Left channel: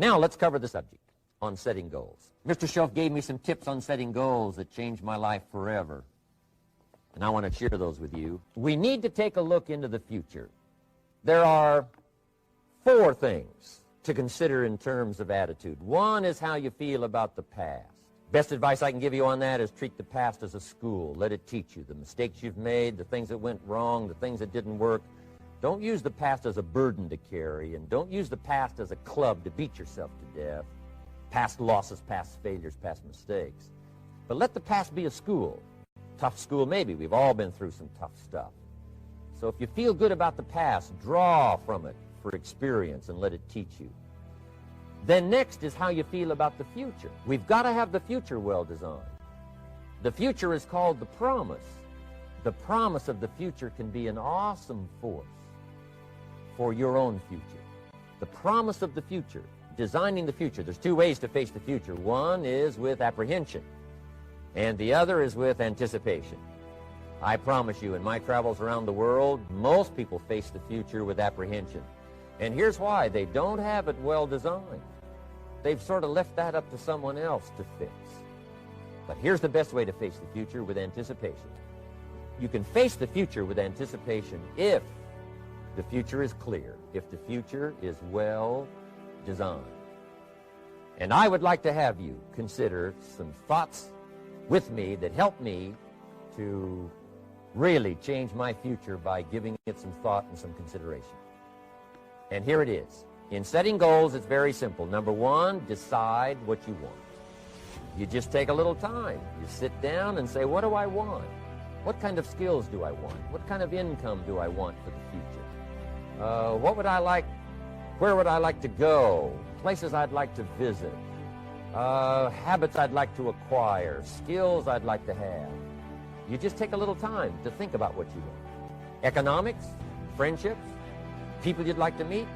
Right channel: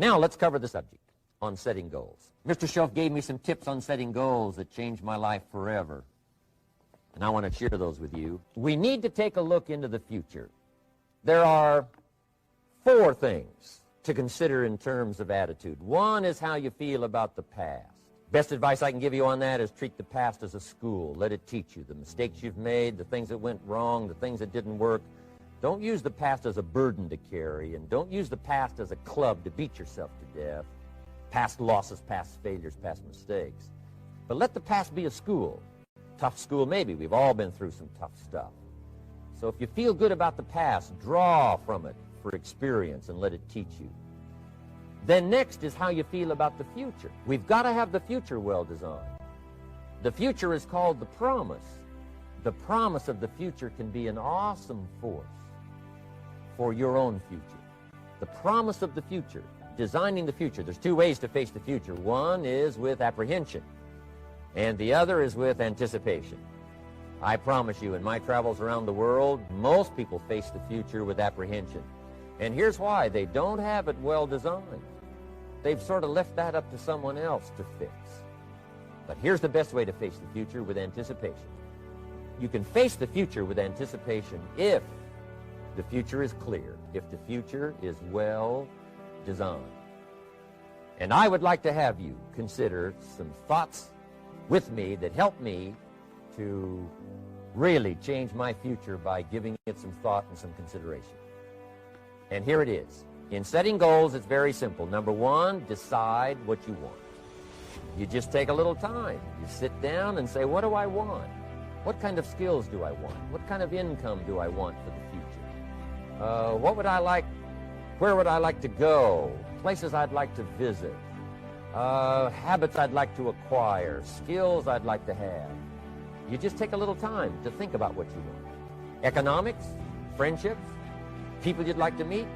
Now let's cover the subject on setting goals. Mr. Shelf gave me some tips on setting goals that changed my life forever, and I want to share those with you. We need to take a look into the future. There are 4 things to consider in terms of attitude. One is how you feel about the past. Best advice I can give you on that is treat the past as a school. Let it teach you the mistakes you've made, the things that went wrong, the things that didn't work. Don't use the past as a burden to carry, and don't use the past as a club to beat yourself to death. Past losses, past failures, past mistakes. But let the past be a school. Tough school maybe. We've all been through some tough stuff. So if you feel good about the past, draw from it for experience and let it teach you. Then next is how you feel about the future. We've got to have the future well designed. The future is called the promise. The promise of the future can be an awesome force for your own future. The promise of the future, designing the future. There's 2 ways to face the future. One is with apprehension, and the other is with anticipation. I promise you, in my travels around the world, most people face the future with apprehension. And here's why. They don't have it well designed. They've sort of left that up to someone else to fix. But here's the best way to face the future, with anticipation. You can face the future with anticipation if the future is clear, if the future is well designed. And I would like to have you consider some thoughts with me that help me to really change my future by giving it some thought and some consideration. And here it is. In setting goals, it's very simple. Number 1, decide what you want. You just take a little time. You sit down and say, what do I want? What kind of skills do I want? What kind of income do I want for the future? What would I like? Where would I like to go? Places I'd like to visit. Habits I'd like to acquire. Skills I'd like to have. You just take a little time to think about what you want. Economics, friendships, people you'd like to meet,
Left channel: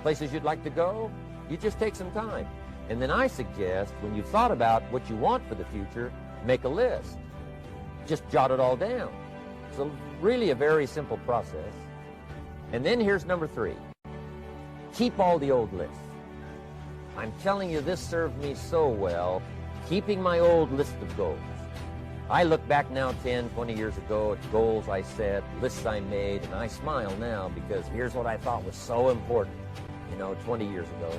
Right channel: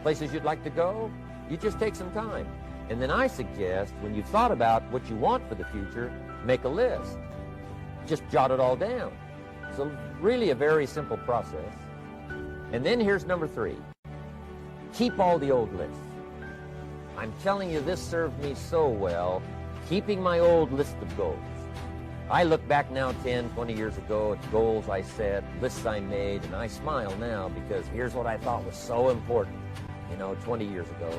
places you'd like to go. You just take some time. And then I suggest, when you've thought about what you want for the future, make a list. Just jot it all down. So really a very simple process. And then here's number 3. Keep all the old lists. I'm telling you, this served me so well, keeping my old list of goals. I look back now 10, 20 years ago at goals I set, lists I made, and I smile now because here's what I thought was so important, 20 years ago.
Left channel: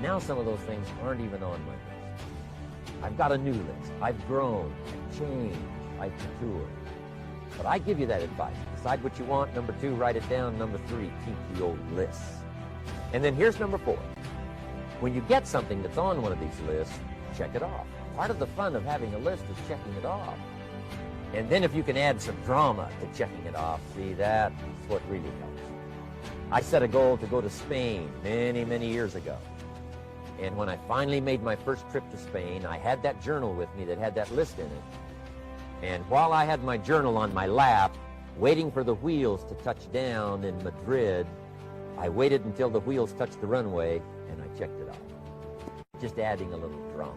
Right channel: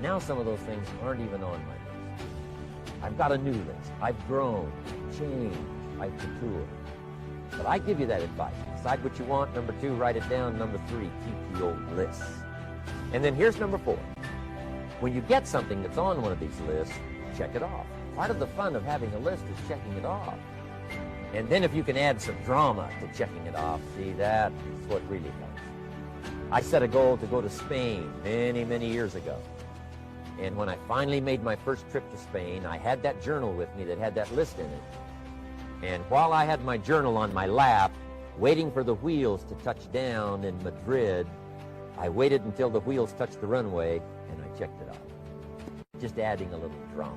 Now some of those things aren't even on my list. I've got a new list. I've grown, I've changed, I've matured. But I give you that advice. Decide what you want. Number 2, write it down. Number 3, keep the old lists. And then here's number 4. When you get something that's on one of these lists, check it off. Part of the fun of having a list is checking it off. And then if you can add some drama to checking it off, see, that's what really helps. I set a goal to go to Spain many, many years ago. And when I finally made my first trip to Spain, I had that journal with me that had that list in it. And while I had my journal on my lap, waiting for the wheels to touch down in Madrid, I waited until the wheels touched the runway, and I checked it off. Just adding a little drama.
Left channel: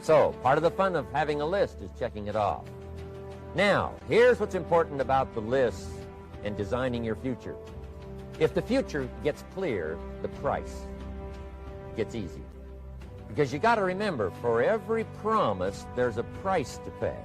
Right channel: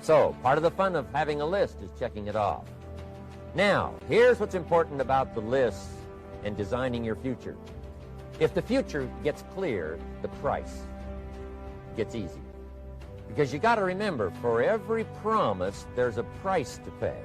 So, part of the fun of having a list is checking it off. Now, here's what's important about the lists and designing your future. If the future gets clear, the price gets easier. Because you got to remember, for every promise, there's a price to pay.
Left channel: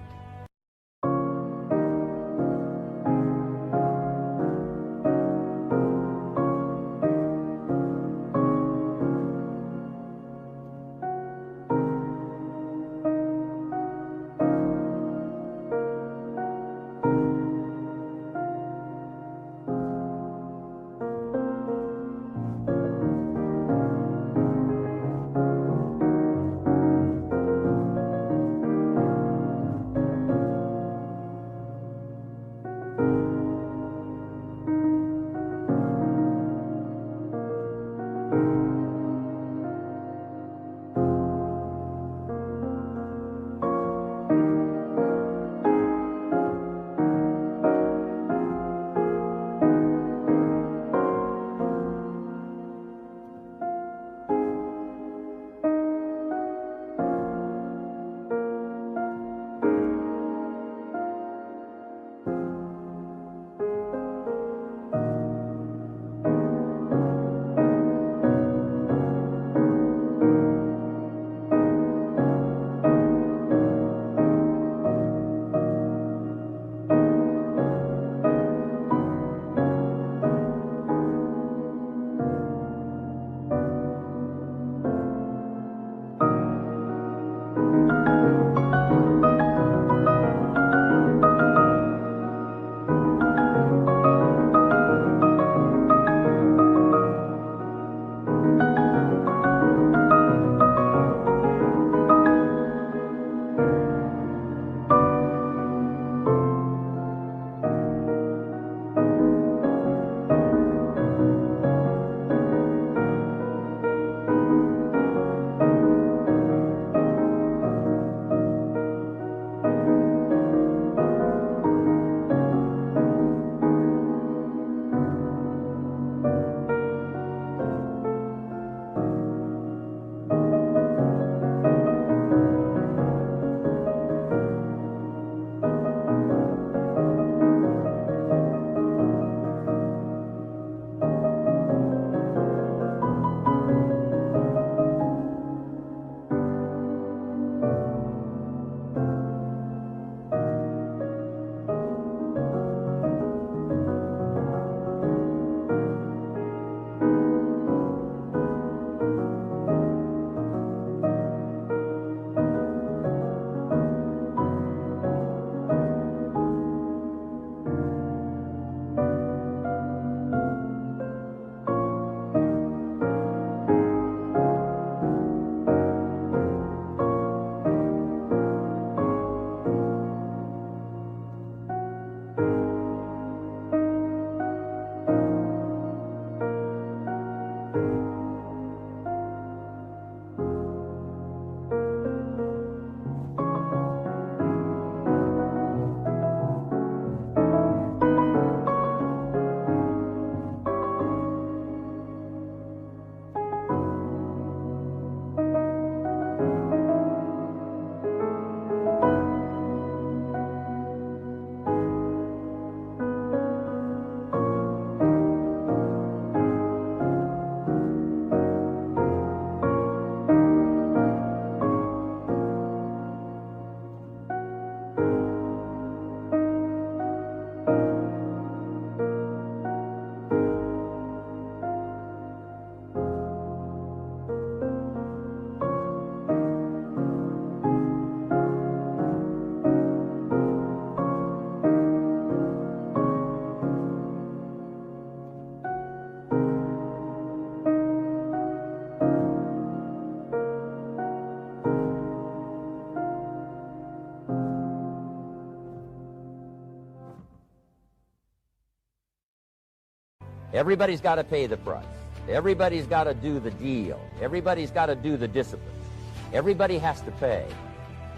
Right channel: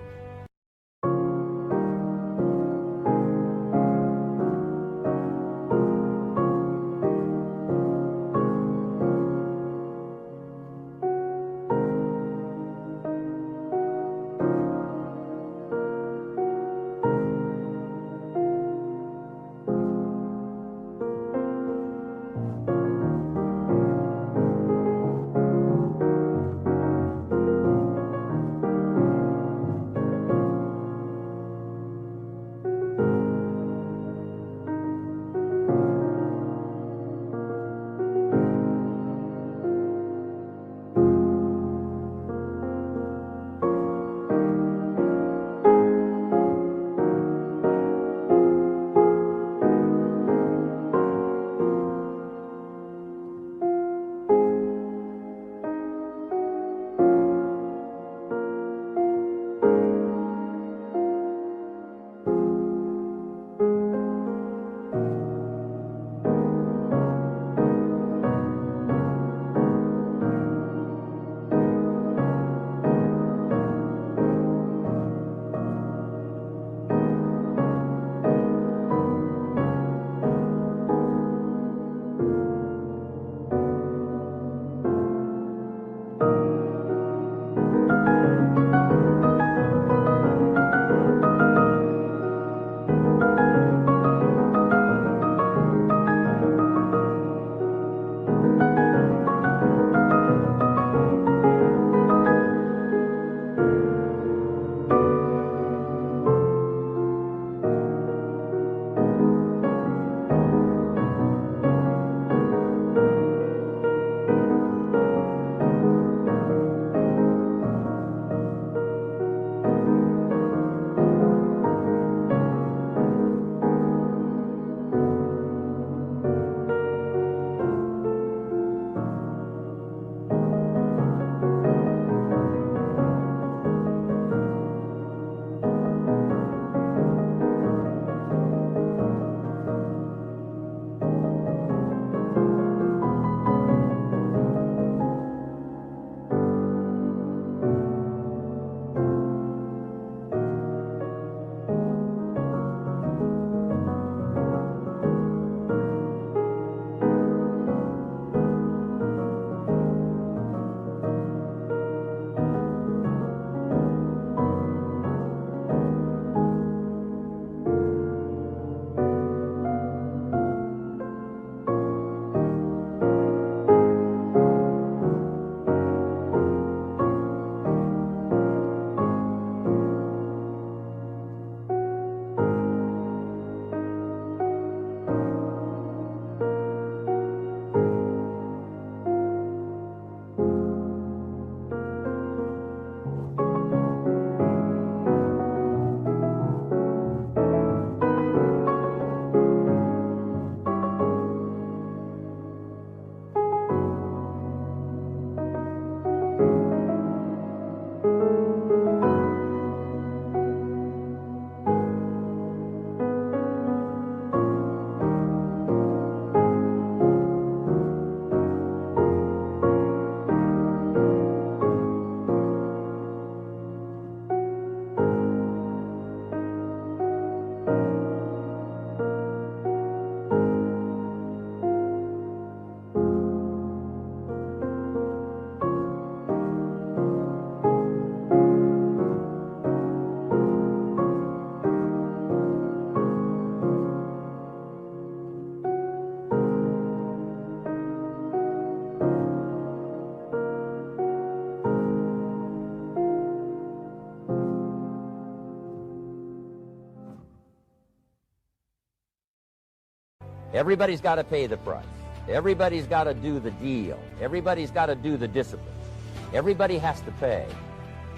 Everybody's got to pay the price. Everybody's got to do the deal. Everybody's got to do the disciplines. Everybody has to pay.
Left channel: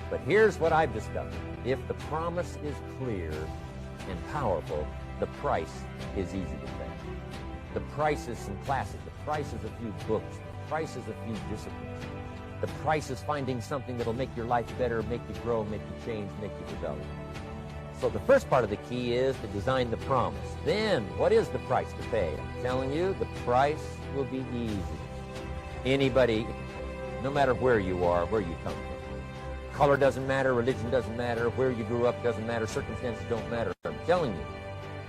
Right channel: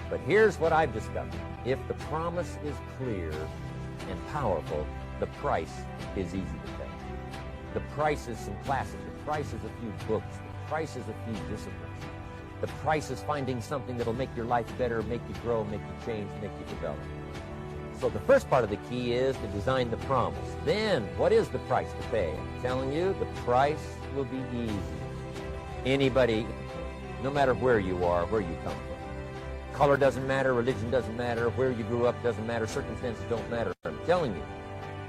But here's what I've discovered. If the promise is clear and powerful, the price is easy to pay. The price is some classes. The price is a few books. The price is a few disciplines. The price is finding something that'll make your life better, make you grow, make you change, make you develop. So the first part of the key is to design the promise. Then, what is the price to pay? I'm telling you, the price will be easy. Anybody, no matter where you are, where you come from. Color doesn't matter, religion doesn't matter, where you grew up doesn't matter, circumstances don't matter. I'm telling you,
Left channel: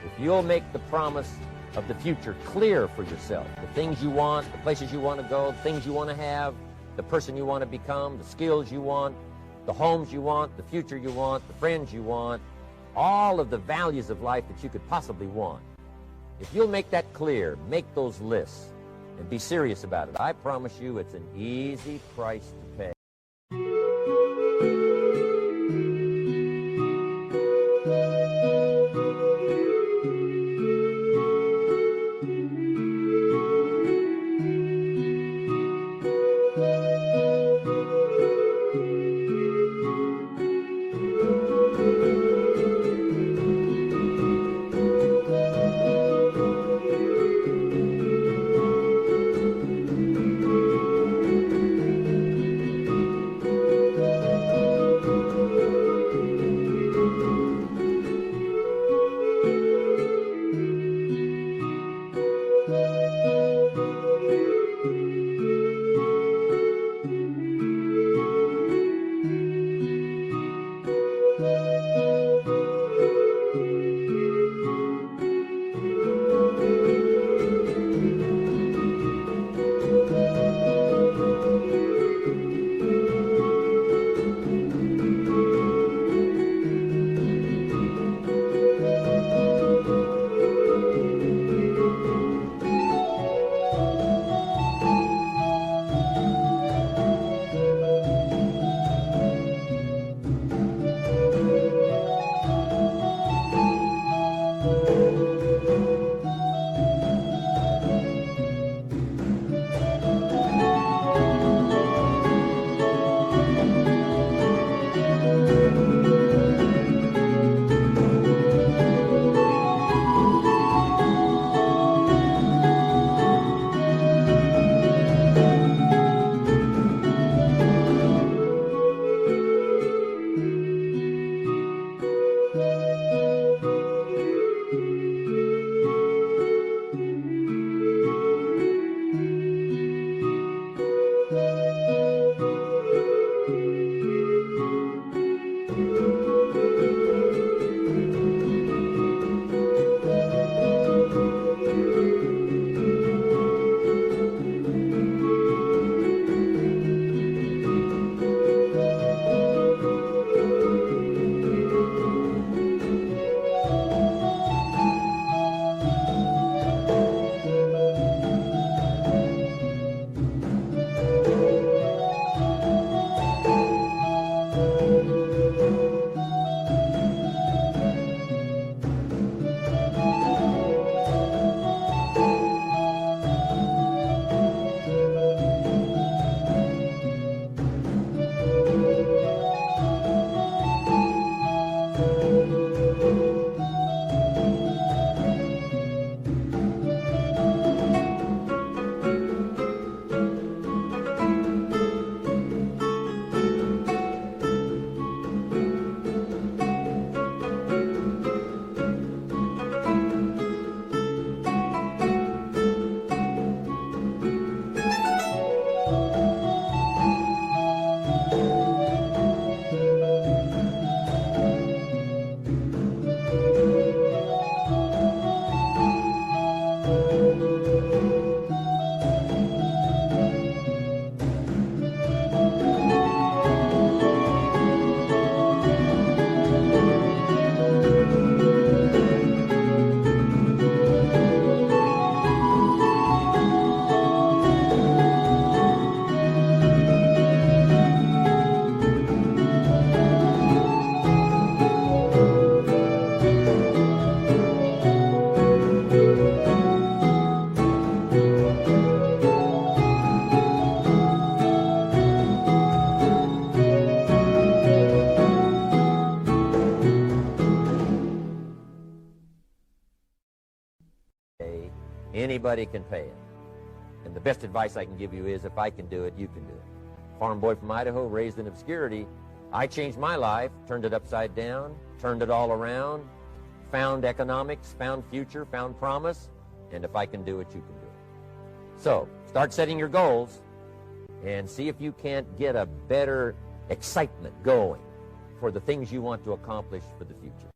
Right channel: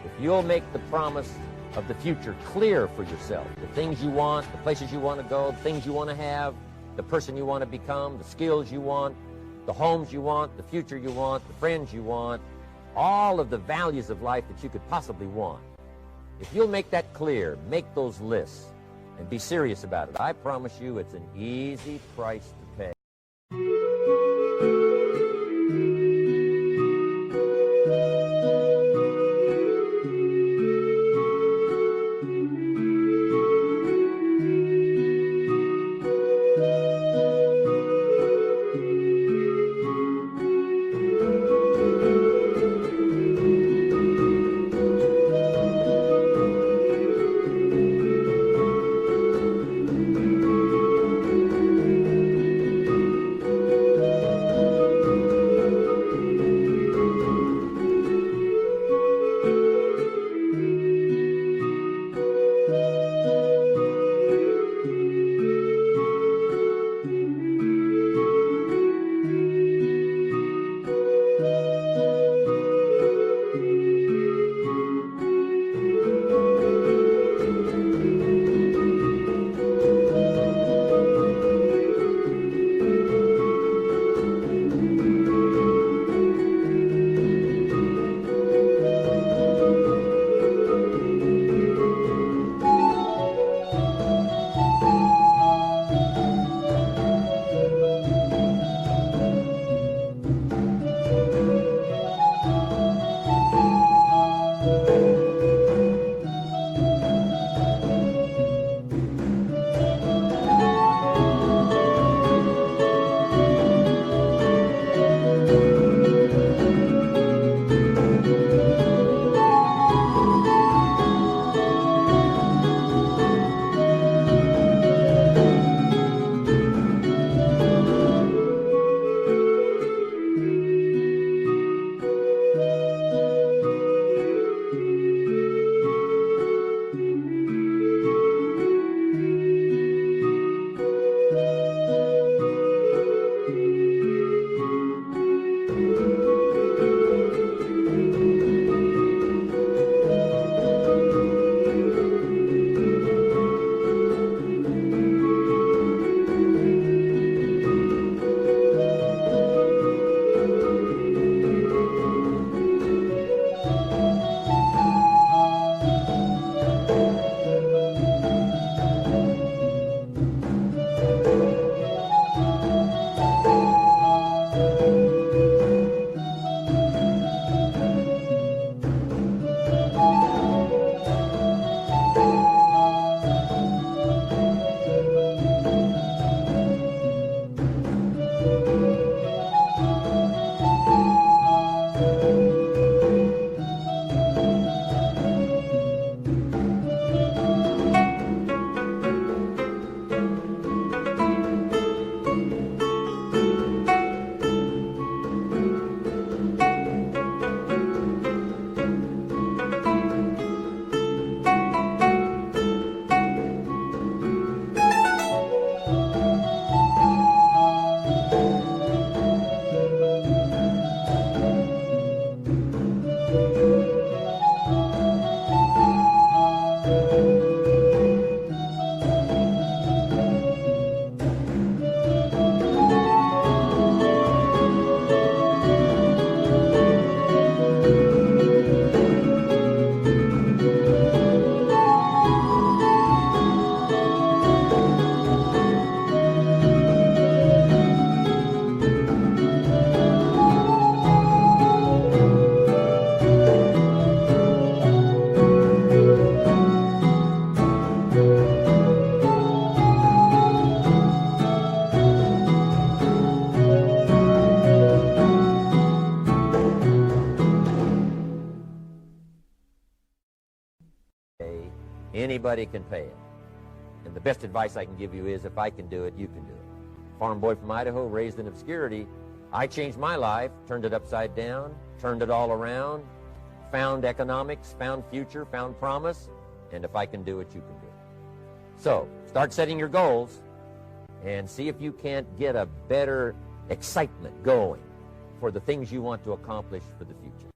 if you'll make the promise of the future clear for yourself, the things you want, the places you want to go, the things you want to have, the person you want to become, the skills you want, the homes you want, the future you want, the friends you want, all of the values of life that you could possibly want. If you'll make that clear, make those lists, and be serious about it, I promise you it's an easy price to pay. anybody can pay it. And the best advice I can give you is, if I can do it, you can do it. Farm boy from Idaho, raised in obscurity, I changed my life, turned it upside down, turned it all around, found economics, found future, found promise, and if I can do it, you can do it. So, start setting your goals and see if you can't get a better excitement going for the things you want to accomplish for the future.